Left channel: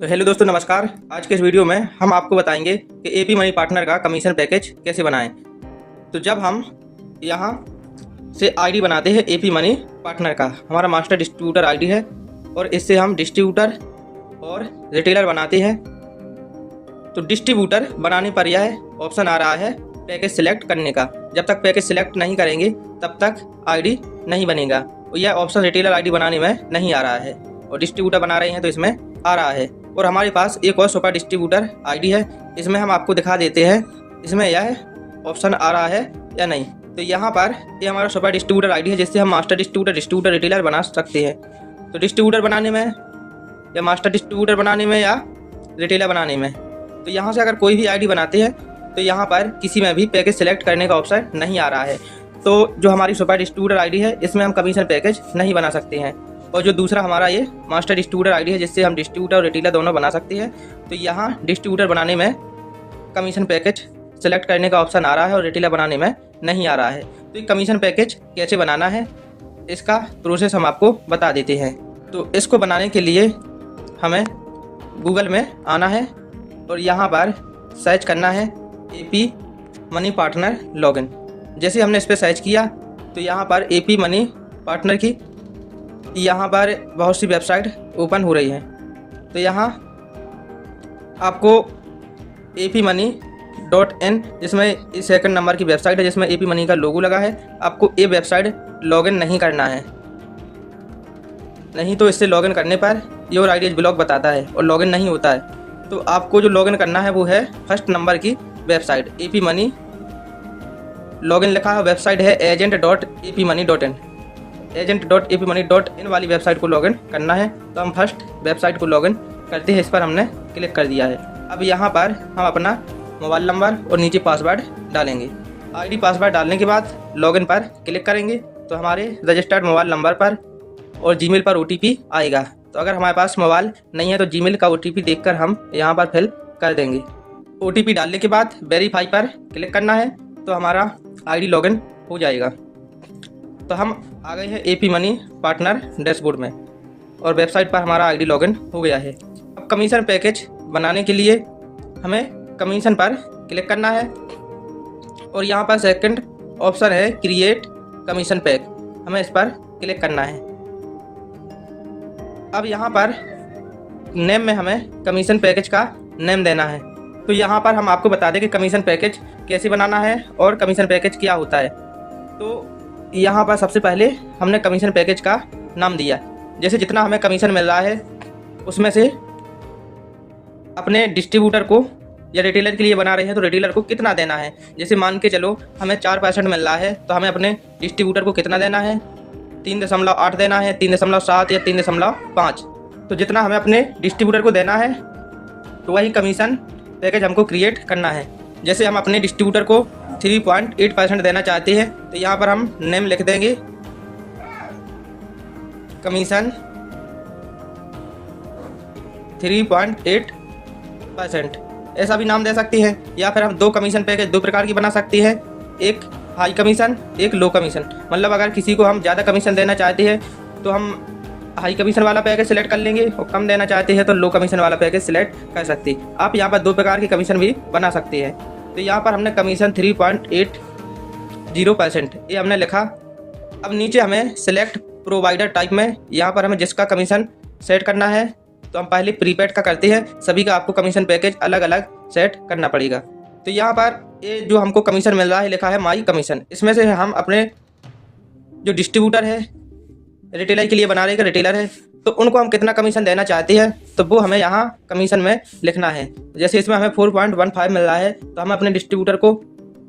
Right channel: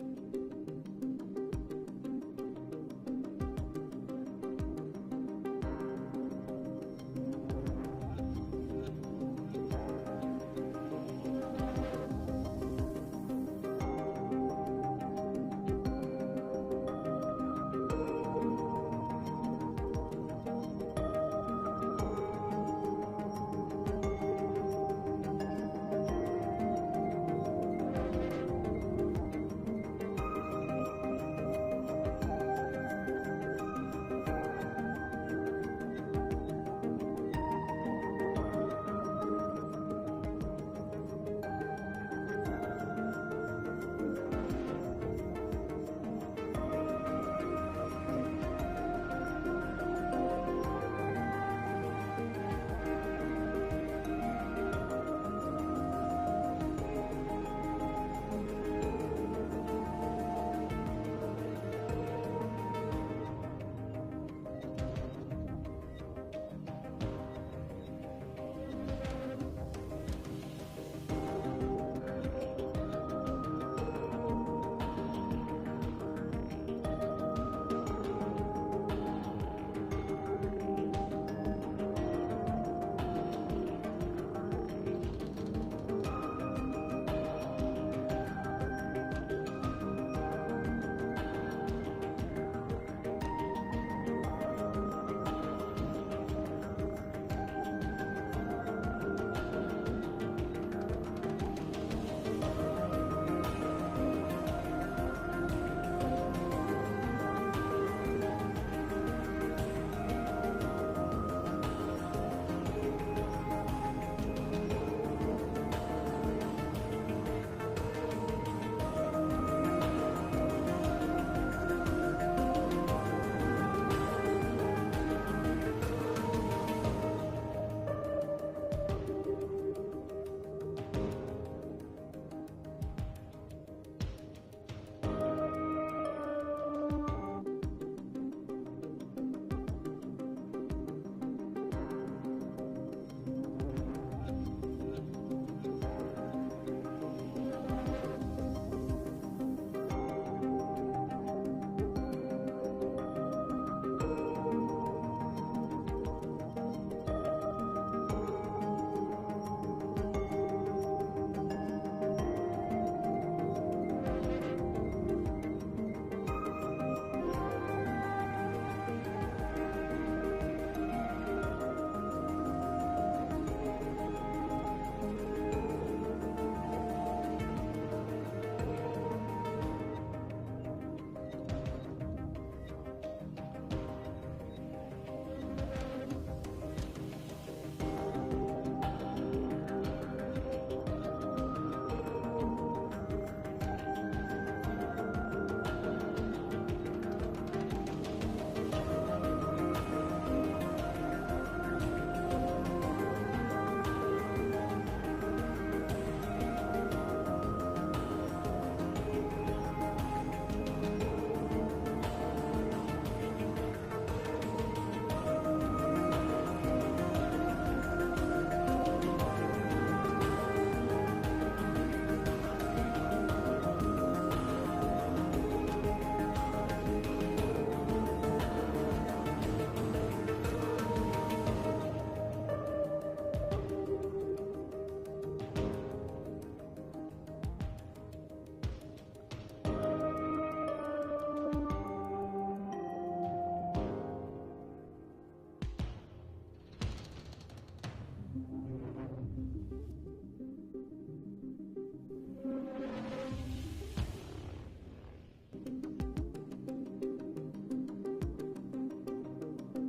तो हेलो दोस्तों, नमस्कार। आज के इस वीडियो में हम आपको बताएंगे कि एपी मनी पार्टनर का कमीशन पैकेज कैसे बनाएं। तो जब हम यहाँ से आईडी बनाते हैं एपी मनी पार्टनर का, हमारा मास्टर डिस्ट्रीब्यूटर आईडी है और इससे हम डिस्ट्रीब्यूटर और रिटेलर बनाते हैं। तो डिस्ट्रीब्यूटर बनाने पर यह ऑप्शन आ रहा है पैकेज सिलेक्ट करने का। जब तक पैकेज सिलेक्ट नहीं करेंगे तब तक आईडी नहीं बनेगा। तो यह ऑप्शन रिटेलर आईडी बनाने में नहीं आ रहा है और डिस्ट्रीब्यूटर बना रहे हैं तो इसमें आ रहा है। और हमारे पास एक और सुपर डिस्ट्रीब्यूटर आईडी है, इसमें हम आपको दिखा देते हैं इसमें यह ऑप्शन आ रहा है या नहीं। तो यहाँ पर ये हमारा सुपर डिस्ट्रीब्यूटर आईडी है जिससे हम मास्टर डिस्ट्रीब्यूटर रिटेलर बना सकते हैं। तो डिस्ट्रीब्यूटर बनाने में या मास्टर डिस्ट्रीब्यूटर बनाने में या रिटेलर बनाने में, तो यहाँ से अगर कोई भी आईडी बनाते हैं तो यहाँ पर किसी में भी पैकेज सिलेक्ट करने का ऑप्शन नहीं आ रहा है। तो जो हमारी सुपर डिस्ट्रीब्यूटर आईडी है इसमें हम कमीशन पैकेज नहीं बना सकते हैं। और जो दूसरा हमारा ये मास्टर डिस्ट्रीब्यूटर आईडी है जिससे हम डिस्ट्रीब्यूटर और रिटेलर दोनों बना सकते हैं, तो यहाँ डिस्ट्रीब्यूटर बनाने में कमीशन पैकेज सेलेक्ट करने का ऑप्शन आ रहा है और रिटेलर बनाने में नहीं आ रहा है। तो ये कमीशन पैकेज कैसे बनाना है इसका प्रोसेस हम आपको बता देते हैं। तो इसको बनाने के लिए हमें गूगल में आना है और यहाँ पर सर्च करना है एपी मनी पार्टनर लॉगिन। जैसे हमने इस पर सर्च किया तो यहाँ पर एपी मनी पार्टनर की यहाँ पर बहुत सी वेबसाइट ओपन हो रही है। तो यहाँ आपको apmoney.in, जिसमें सेकंड नंबर की वेबसाइट है जिसमें एपी मनी का लोगो लगा है, आपको ये वेबसाइट लॉगिन नहीं करना है, नहीं तो इससे लॉगिन करने per your ID is block बताता है और लॉगिन नहीं होता है। तो आपको जो लॉगिन करना है वो है फर्स्ट नंबर की वेबसाइट एपी मनी। लॉगिन लिखा है, वेबसाइट है agent.apmoney.in। agent.apmoney.in वाली वेबसाइट को लॉगिन करना है। तो हम फर्स्ट वेबसाइट को लॉगिन करते हैं, इस पर हमने क्लिक कर दिया है। अब यहाँ पर हम अपना मोबाइल नंबर और नीचे पासवर्ड डालेंगे। आईडी पासवर्ड डालने के बाद लॉगिन पर क्लिक करेंगे तो हमारे रजिस्टर्ड मोबाइल नंबर पर और जीमेल पर ओटीपी आएगा। तो अगर हमारे पास मोबाइल नहीं है तो जीमेल का ओटीपी देखकर हम यहाँ पर फिल कर देंगे। ओटीपी डालने के बाद वेरीफाई पर क्लिक करना है तो हमारा आईडी लॉगिन हो जाएगा। तो हम आ गए हैं एपी मनी पार्टनर डैशबोर्ड में और वेबसाइट पर हमारा आईडी लॉगिन हो गया है। अब कमीशन पैकेज बनाने के लिए हमें कमीशन पर क्लिक करना है और यहाँ पर सेकंड ऑप्शन है क्रिएट कमीशन पैक, हमें इस पर क्लिक करना है। अब यहाँ पर नेम में हमें कमीशन पैकेज का नेम देना है। तो यहाँ पर हम आपको बता दें कि कमीशन पैकेज कैसे बनाना है और कमीशन पैकेज क्या होता है। तो यहाँ पर सबसे पहले हमने कमीशन पैकेज का नाम दिया, जैसे जितना हमें कमीशन मिल रहा है उसमें से अपने डिस्ट्रीब्यूटर को या रिटेलर के लिए बना रहे हैं तो रिटेलर को कितना देना है। जैसे मान के चलो हमें 4% मिल रहा है तो हमें अपने डिस्ट्रीब्यूटर को कितना देना है, 3.8 देना है, 3.7 या 3.5। तो जितना हमें अपने डिस्ट्रीब्यूटर को देना है तो वही कमीशन पैकेज हमको क्रिएट करना है। जैसे हम अपने डिस्ट्रीब्यूटर को 3.8% देना चाहते हैं तो यहाँ पर हम नेम लिख देंगे कमीशन 3.8%, ऐसा भी नाम दे सकते हैं। या फिर हम दो कमीशन पैकेज दो प्रकार की बना सकते हैं, एक हाई कमीशन एक लो कमीशन। मतलब अगर किसी को हम ज़्यादा कमीशन देना चाहते हैं तो हम हाई कमीशन वाला पैकेज सिलेक्ट कर लेंगे और कम देना चाहते हैं तो लो कमीशन वाला पैकेज सिलेक्ट कर सकते हैं। आप यहाँ पर दो प्रकार की कमीशन भी बना सकते हैं। तो यहाँ पर हमने कमीशन 3.80% ये हमने लिखा। अब नीचे हमें सिलेक्ट प्रोवाइडर टाइप में यहाँ पर हमें जिसका कमीशन सेट करना है तो हम पहले प्रीपेड का करते हैं, सभी का आपको कमीशन पैकेज अलग अलग सेट करना पड़ेगा। तो यहाँ पर ये जो हमको कमीशन मिल रहा है लिखा है माई कमीशन, इसमें से हम अपने जो डिस्ट्रीब्यूटर है रिटेलर के लिए बना रहे रिटेलर है तो उनको हम कितना कमीशन देना चाहते हैं तो वो हमें यहाँ कमीशन में लिखना है। जैसे इसमें हमें 4.15 मिल रहा है तो हमें अपने डिस्ट्रीब्यूटर को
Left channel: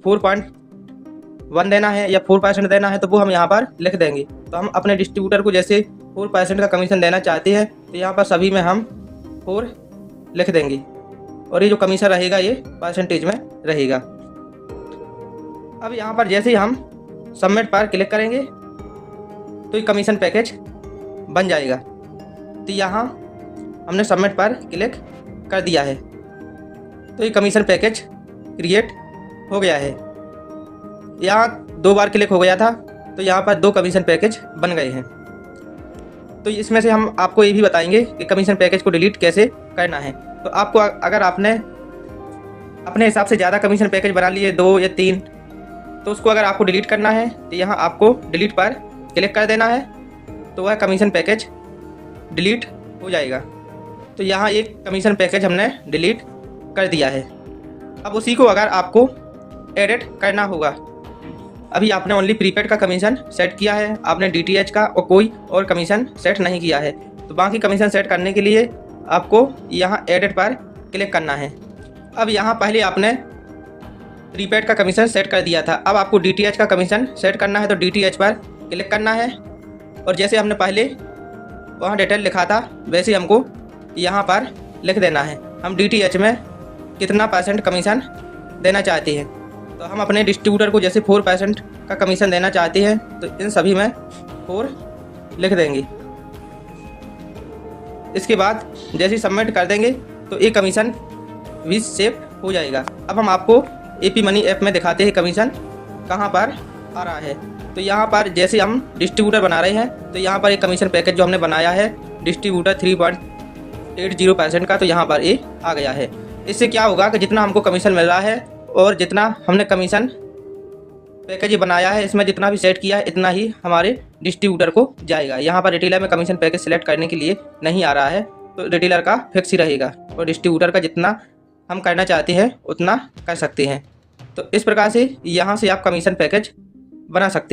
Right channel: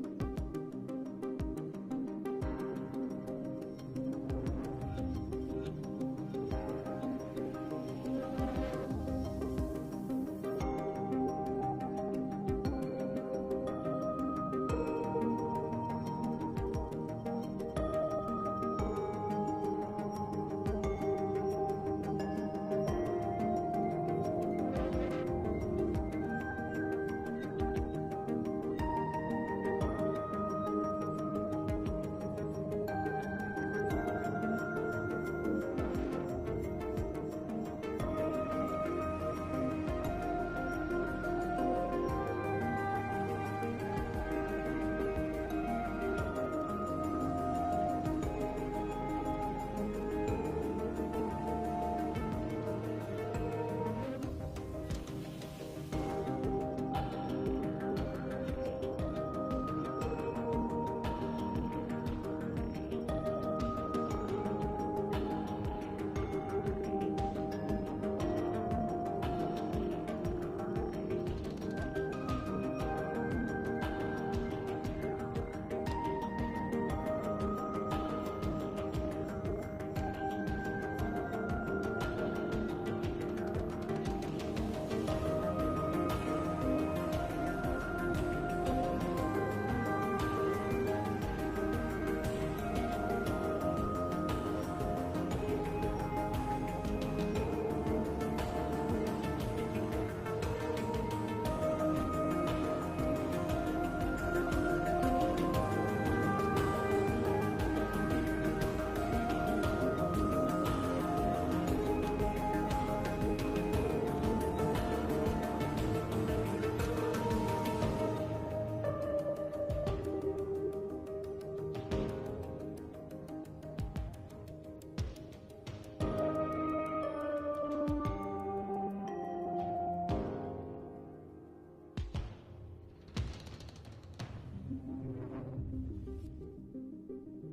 4.1 देना है या 4% देना है तो वो हम यहाँ पर लिख देंगे। तो हम अपने डिस्ट्रीब्यूटर को जैसे 4% का कमीशन देना चाहते हैं तो यहाँ पर सभी में हम 4 लिख देंगे और ये जो कमीशन रहेगा ये परसेंटेज में रहेगा। अब यहाँ पर जैसे ही हम सबमिट पर क्लिक करेंगे तो ये कमीशन पैकेज बन जाएगा। तो यहाँ हमने सबमिट पर क्लिक कर दिया है तो ये कमीशन पैकेज क्रिएट हो गया है। यहाँ 2 बार क्लिक हो गया था तो यहाँ पर 2 कमीशन पैकेज बन गए हैं। तो इसमें से हम आपको ये भी बताएंगे कि कमीशन पैकेज को डिलीट कैसे करना है। तो आपको अगर आपने अपने हिसाब से ज़्यादा कमीशन पैकेज बना लिए 2 या 3, तो उसको अगर आपको डिलीट करना है तो यहाँ आपको डिलीट पर क्लिक कर देना है, तो वह कमीशन पैकेज डिलीट हो जाएगा। तो यहाँ एक कमीशन पैकेज हमने डिलीट कर दिया है। अब उसी को अगर आपको एडिट करना होगा, अभी आपने ओनली प्रीपेड का कमीशन सेट किया है, आपने DTH का और कोई और कमीशन सेट नहीं किया है, तो बाकी कमीशन सेट करने के लिए आपको यहाँ एडिट पर क्लिक करना है। अब यहाँ पहले आपने प्रीपेड का कमीशन सेट कर दिया था, अब आपको DTH का कमीशन सेट करना है, तो DTH पर क्लिक करना है और जैसे हमने पहले वहाँ डिटेल लिखा था वैसे हमको यहाँ पर लिख देना है हम DTH में कितना % कमीशन देना चाहते हैं। तो हम अपने डिस्ट्रीब्यूटर को जैसे 4% का कमीशन देना चाहते हैं, तो इन सभी में 4 लिख देंगे। इसके बाद जैसे सबमिट कर देंगे तो ये कमीशन भी सेव हो जाएगा। अब हम आपको AP मनी ऐप में दिखाते हैं कमीशन कहाँ पर आ रहा है। तो यहाँ पर जैसे हम डिस्ट्रीब्यूटर बना रहे हैं, तो यहाँ पर एक कमीशन पैकेज जो हमने बनाया है डिस्ट्रीब्यूटर 3.80% का, तो यहाँ पर ये आ गया है। इससे क्या होगा कि जितना हमको कमीशन मिल रहा है और जितना हमने कमीशन पैकेज बनाया है, इसमें जितना भी सेट किया है इतना ही हमारे डिस्ट्रीब्यूटर को जाएगा। यहाँ पर रिटेलर में कमीशन पैकेज सिलेक्ट करने के लिए नहीं आ रहा है, तो रिटेलर का फिक्स ही रहेगा और डिस्ट्रीब्यूटर का जितना हम करना चाहते हैं उतना कर सकते हैं। तो इस प्रकार से यहाँ से आप कमीशन पैकेज बना सकते हैं।